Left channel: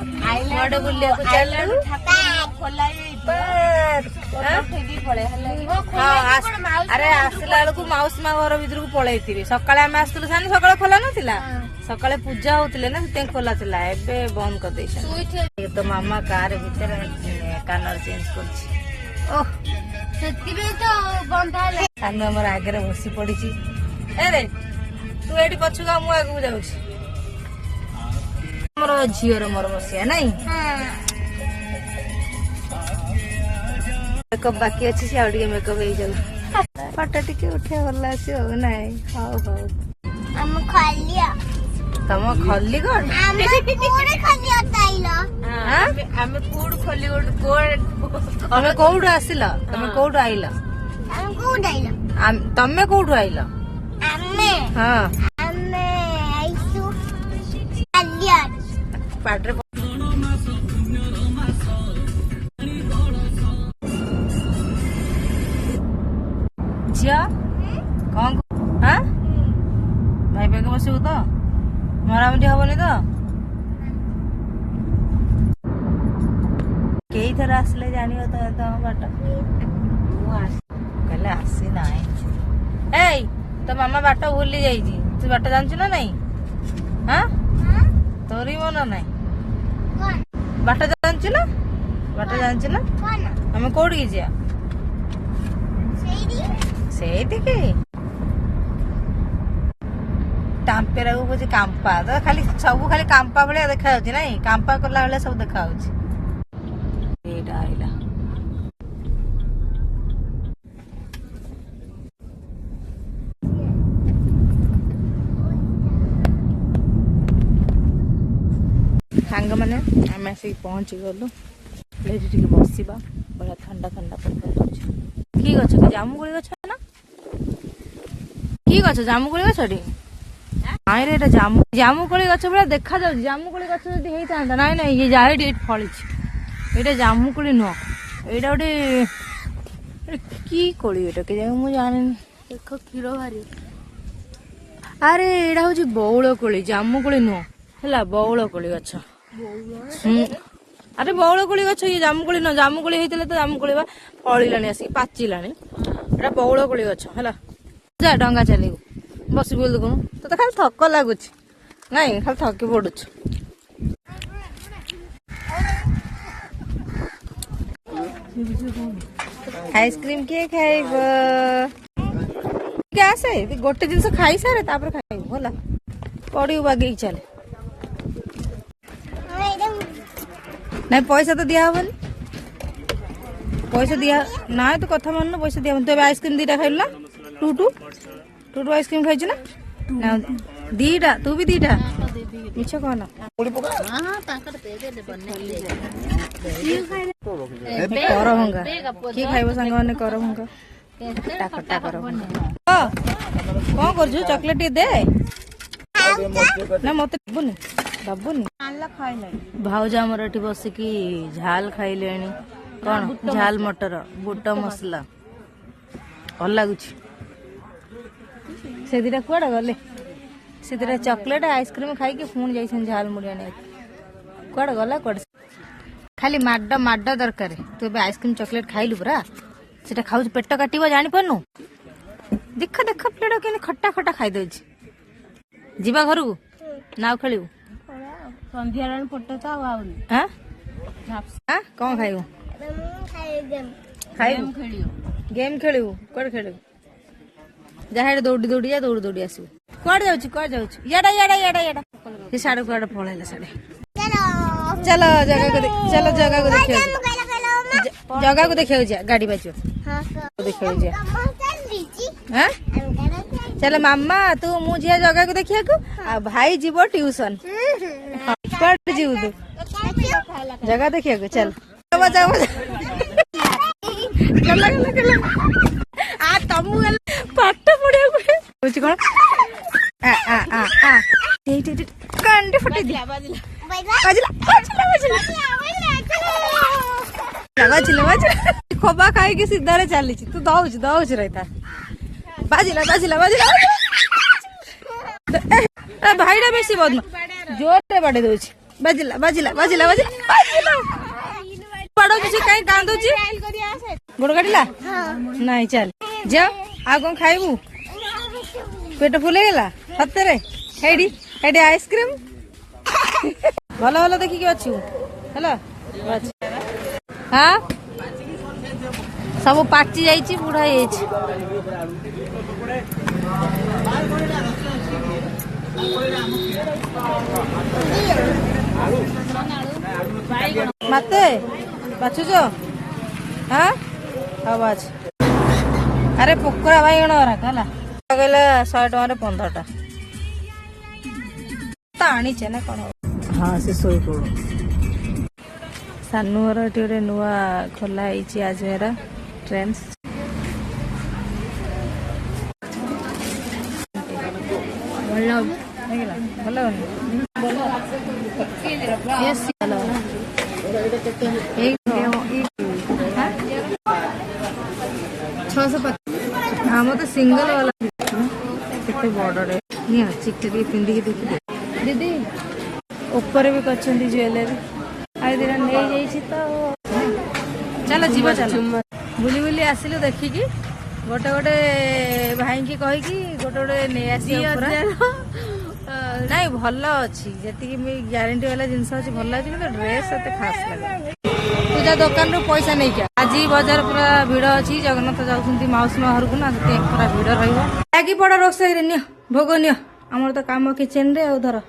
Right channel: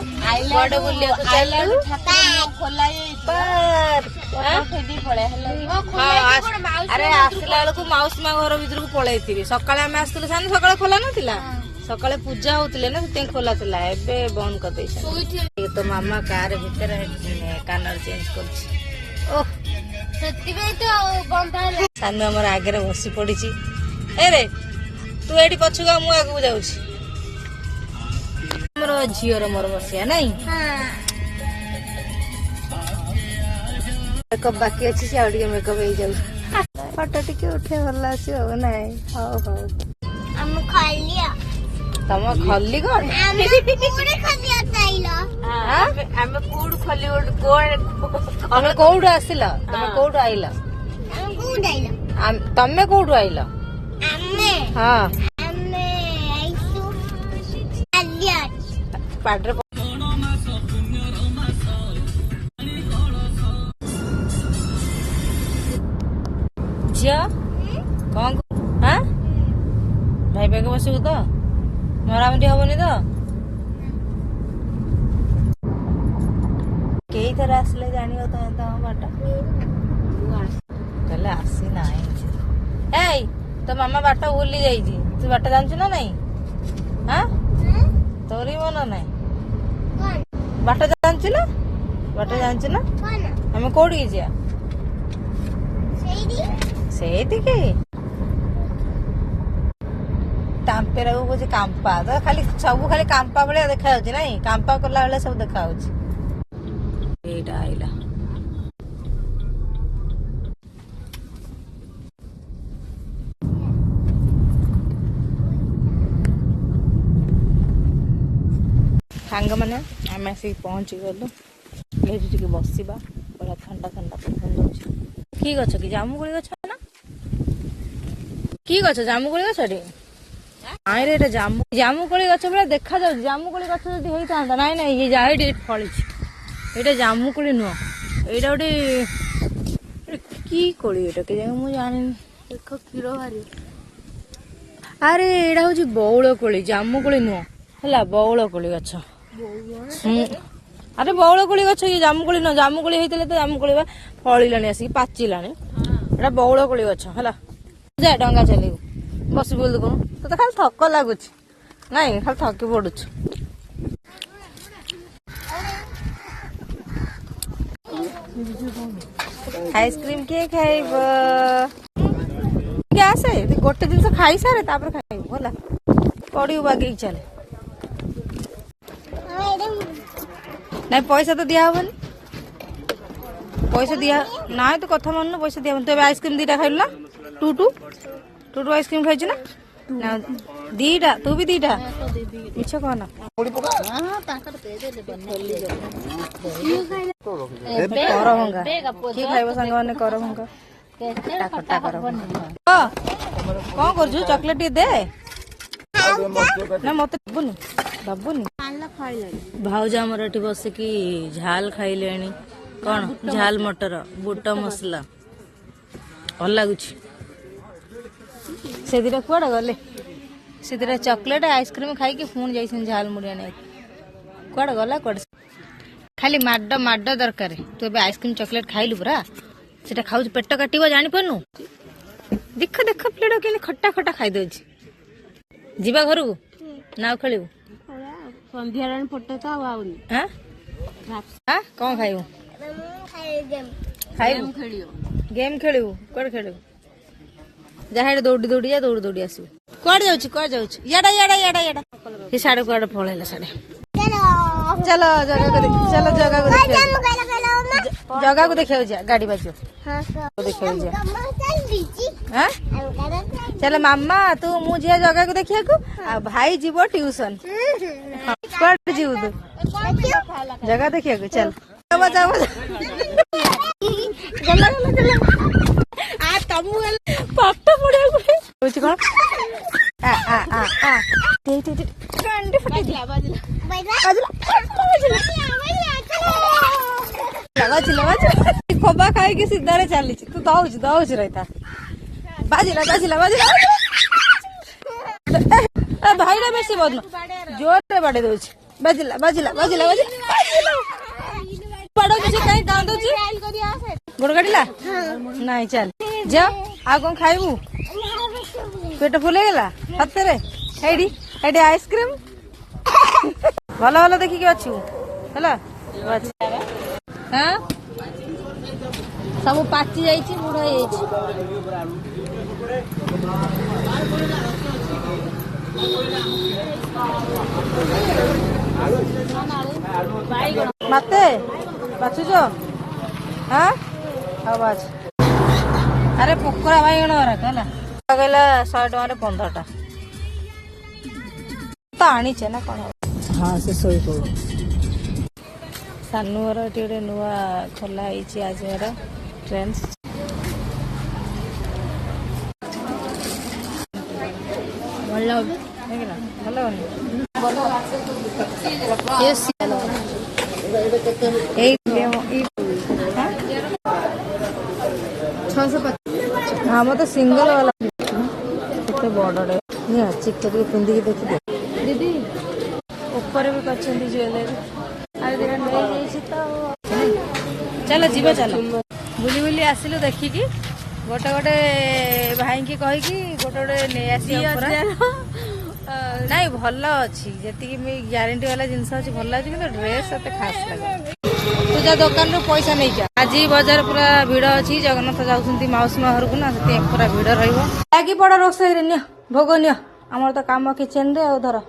बड़े बुलिया को चलू अरे आसला बेलू माउसी माँ घर भर को पलैथी सका आम आसलु सानी सका खोला नाला सका पूजा होते ना से खोला था एबे बंद कर तो मामा कार भीतर कानर चेंज कर सानू आम आगे बसी पड़ी रे तू ये पछुआ मु आगे जाऊँ मोर झीर मोर बसिया नाई मेकअप बाकी अच्छी से मेकअप हो जाऊ फटा टे उठे भल आसी हो ना हौ हौ तम खली कौन तमे कौटू आसिल तमे कौटू आइल तमे कौटू आइल हाँ पाड्रे झिया कौन हाँ भाई भाई को बसबू तो मरामरी हबनी तो कई थर आसले जान बाट कहले आसी ना तो मामा बाट भूली जाइए तू बाट जानछु ना नहीं हाँ तोरी मन नहीं बाट जानछु ना आम कौटी जा से टांपेरा को कौन कांपा तो खाली सब खाली कांपा भाया देखा ना कांपा कला बेले सब देखा आइला सांग मैंने आम आसिक पहुंची गलु बसवा बड़ा ठंडा ठंडा पवन कि गछ कि जामुकोली गछ ना कि गछ जामुकोली गछ नाई रे जामुकोली गछ भाया देखा जाऊ जामुकोली गछ जदि होता नाई ना ये जाए फली ये जामुकोली नुह ये गोटे कि कोली के मुझे जानी देख क्षीर बाहरी अरे एटा हूँ बौल कोली जामुकोली नुह है बौल कोली गछ अरे बौल कोली गछ ये जामुकोली नुह जामुकोली होते तो जामुकोली फलिला आसिक पाचिला एटा बौल कोली गछ है जा डंगा चलू बस बोली कौन तो खाली थक लगुच नहीं खाली थकी पड़ू आइसक्रीम किए खाइब आसे गोटे जिन खाई सारे खाइब भला कड़ी बागे चल नहीं पैसा तो दिया हबनी पैसा दिया ना तू कथा मान पैसा दिया तू आइसक्रीम दीटा खाइल ना टू आइसक्रीम खाई ना दीटा तू भी दीटा मिछ कहना कर भंगा कि खाइब सांग मैंने कर भंगा कौन कर चॉकलेट दे ना मत दबुनि दबुनि भाउज आमर एठी बसिकी झाल खाइले कौन झाल मटर बुट मसला भल लगुच से दिटा कुआडे गले से दिटा चॉकलेट आइसक्रीम खाई पुणी जाइछन झाल मुड़िया नहीं कुआडे गला कुआडे खाली माड माड दरकार तू ए आइसक्रीम चॉकलेट खाइलु पूरा सेटा खाऊ पेट काटिबो जानि पन्नु देख देख प्लेट के खट्टा खट्टा खाई दउछ जीवा घर को नाव खेलू संध्या फोटो तो हां हां कौन खाइबू गेम खेलू कोड खेलू जहाँ दौड़ी दौड़ी जा दौड़ी दौड़ी आसू कौड़ जाऊ याडा याडा याडा याडा ये साढ़े कुआडे पलैला साढ़े चलो जगह को चलो जगह को देखिए जा गाड़ी बाजो देखिए जा हां चलो मामा तू मुझे जगह को देखिए को आ भाई जीव ट्यूशन कौड़ जीव तू जगह देखिए को चल जाओ चल आ तमु पाठ पढ़िया बुझ को आ कांडी फटे दिला बाजला लगा खोबा खाई के सीधा चली तू दौच रहता बाजिला भाईटा बेसी बदन जोर से बाड़े दे बाजिला बाजिला बाजिला बाजिला पड़ो किसी कहीं कांदुची गोड़ काटिला नहीं चल जा आ कौन खाइबू पेट फुले गला सତରେ ହେଇଡି ହେଇଡି आइसक्रीम ଭଲ ଭଲ ଦେଖିକି ଅଛୁ ହେଲା हाँ ସବୁ ପାଚି ଯାଇଛି ବୁଢା ହେଇଯାଇଛି मते बाछुच हाँ हाँ बाछ अरे पोकरा बैगण है कहला 100 टकर 15टा तो आनीचे ना कौन हाँ से शोई पड़ो सानूर गोटे नुआ खोला आज मेरा ट्रेंड्स भल भल भल हाँ मत सिंगल वाला केते बड़े चिकटे पिंधिकी देखिए दीदी ऊपर भी कर ज्वेलरी आई दिन नहीं तो चलो जीव चलो बुली बुली आसिलु देखिकी गोटे गोटे भाई की कहीकि गोटे गोटे नहीं आसी नाई भल अच्छी जी ग्यारंटी वाला जिनस अच्छी भल अच्छी ड्रेस एत खास लगे पूजा दुकान रू पैसा नहीं जा आज बजार पूरा भिड़ अच्छी जगन्नाथ जाऊँ माउसी माँ घर को ना पूरा भिड़ रही पड़ रोषे नि भोग नि आमर तो कम किचेन रे धर